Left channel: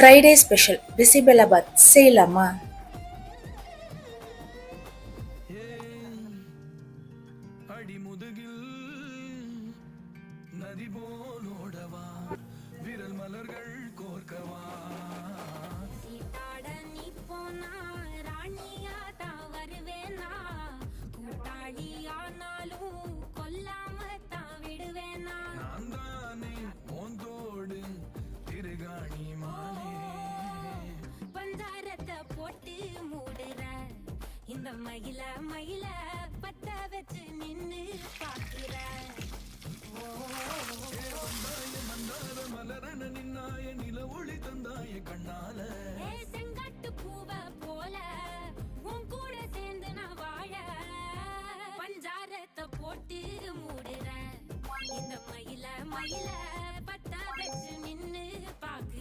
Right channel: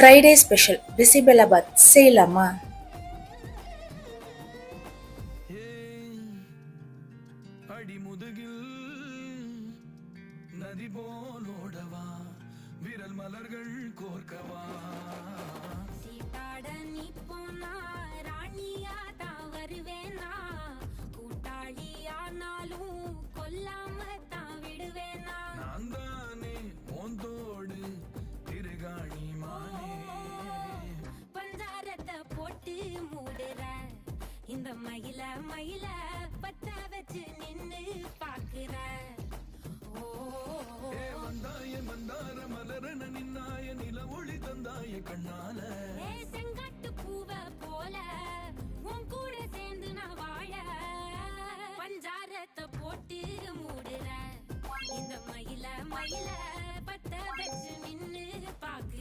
Friday special bisi bele bath செய்யலாமா? அடிமுதுகில் நதி போலோடவா விரல் மலர்கள் கோர்க்கவா சீட்டாட நீ போனா ராணியா தான் வருவேனா கூட்டாளியானாலும் கொல்லாம தான் விடுவேனா நான் தானே ஓந்தோடு திருகாணி மானே பஞ்சாரத்தை போட்டு மூடுற இந்த மயில மயில பத்த வச்சு நின்னு பாக்குற வந்தாய மந்தார மலரன நின்னாய நில ஒளி தந்தாய கண்ணால செங்காட்டு பூவ போல உன் கூட சேர்ந்து நான் வாழ பஞ்சாரத்தை போட்டு மூடுற இந்த மயில மயில பத்த வச்சு நின்னு பாக்குற